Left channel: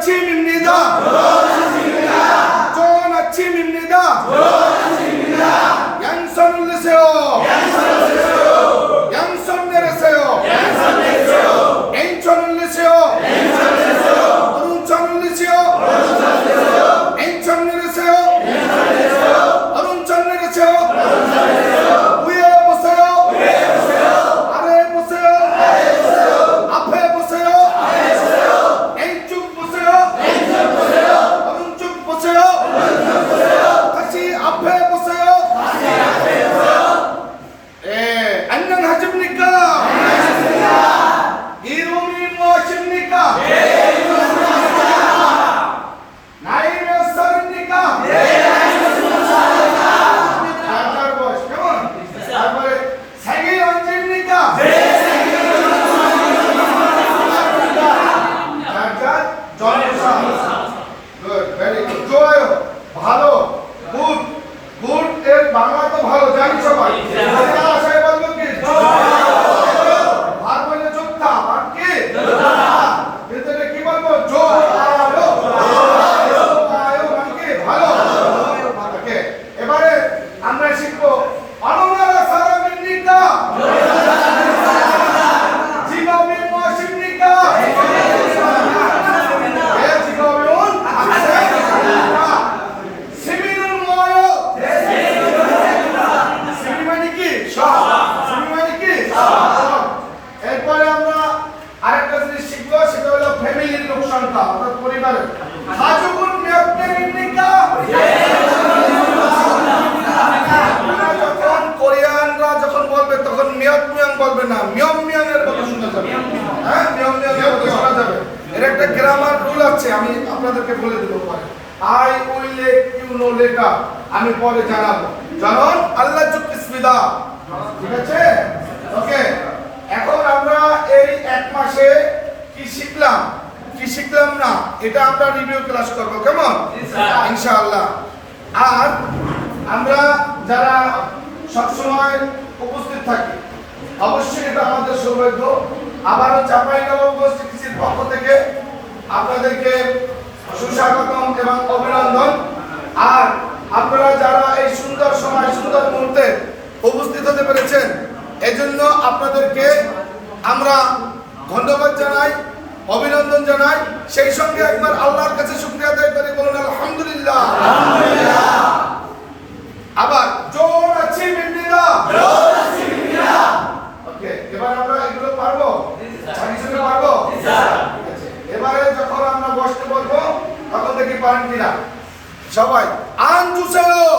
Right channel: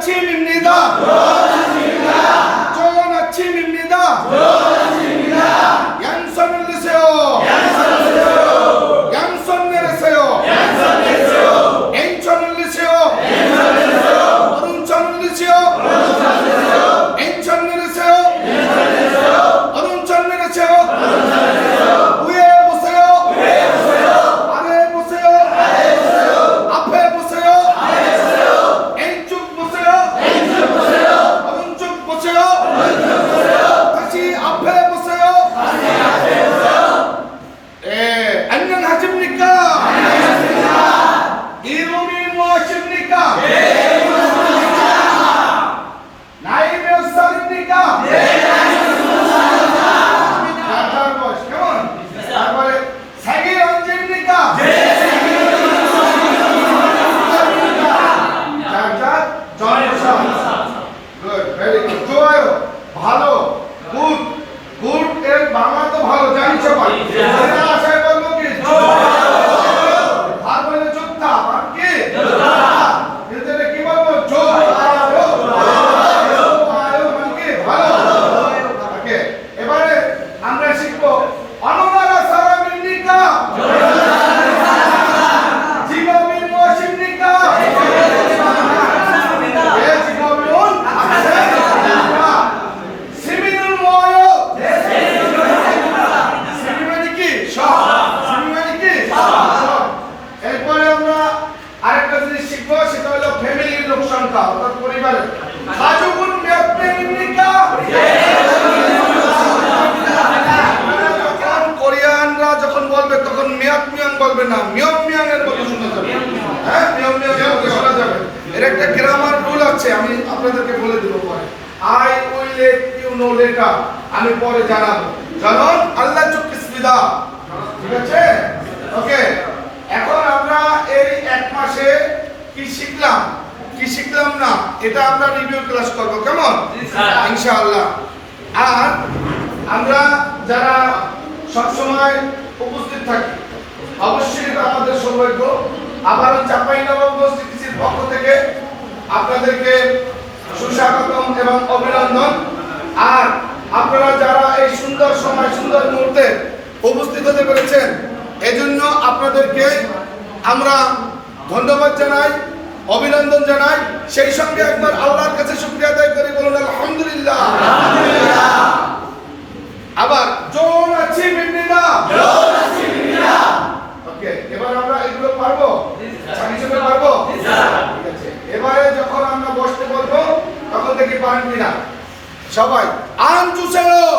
아침입니다. 좋은 아침입니다. 양손을 내세요. 양손 내리세요. 왼손을 내세요. 오른손을 내세요. 왼손 내리세요. 오른손 내리세요. 위에 보세요. 아래 보세요. 앞에 보세요. 왼쪽 보세요. 오른쪽 보세요. 다시 앞에 보세요. 예, 안녕하십니까? 이름이 무엇입니까? 나이 몇 살입니까? 생일 언제입니까? 좋아요. ভালো good good এর বাংলা তো ভালো জানি সবাই এটা আশায় বলবো কি ভাগ বলে যোদ্ধা আর কি এতে কি বলবো জোয়ারো মানে কি ভালো ওকে এবারে আমরা শিখবো অনুনারা সারামিনিকা জীববিন মশিনিকা এরপরে আমরা আরেকটা জিনিস শিখবো, সেটা হলো ফ্যামিলির লোক সংখ্যা অর্থাৎ পরিবারের 가족은 몇 명입니까? যখন কোরিয়ানরা যখন বলবে তখন 몇 명 বলবে না, 몇 명ের মতো শোনা যাবে। হ্যাঁ, 몇 명ের মতো শোনা যাবে। এর একটা গ্রামার রুল আছে, আমি আপনাদেরকে বলে দেব পরে। I will let you know later, আমি পরে জানাবো। জানুন আল্লাহ চুকিসবিদা, ঠিক আছে? ওকে, এখন আমরা এই এক মাসে কি শিখলাম না, এটা আমরা রিভিউ ক্লাস করব, কেমন? ইনশাআল্লাহ। আর আমরা যারা সব সময় উপস্থিত থাকি, অবশ্যই এটা আমাদের সৌভাগ্য। আবারও চাঁপাইনবাবগঞ্জ সিটিসির পক্ষ থেকে আপনাদেরকে সুস্বাগতম এবং অভিনন্দন। আর আপনারা যারা এই সুন্দর সময় সুন্দর মুহূর্তে উপস্থিত হতে পেরেছেন, এজন্য আপনাদেরকে আমরা ধন্যবাদ জানাই, অভিনন্দন জানাই। সেই সঙ্গে একবার আল্লাহর কাছে শুকরিয়া আদায় করি, বলুন আলহামদুলিল্লাহ। আবার জোর আছি বিন্দিরা, ওকে, এবার আমরা এগুলো পারবো, ছাগিয়ে পারবো, ঠিক আছে। এবারে যখন আমরা বসতে বলবো তখন দেখি পারেন কিনা সবাই। আন জুসেও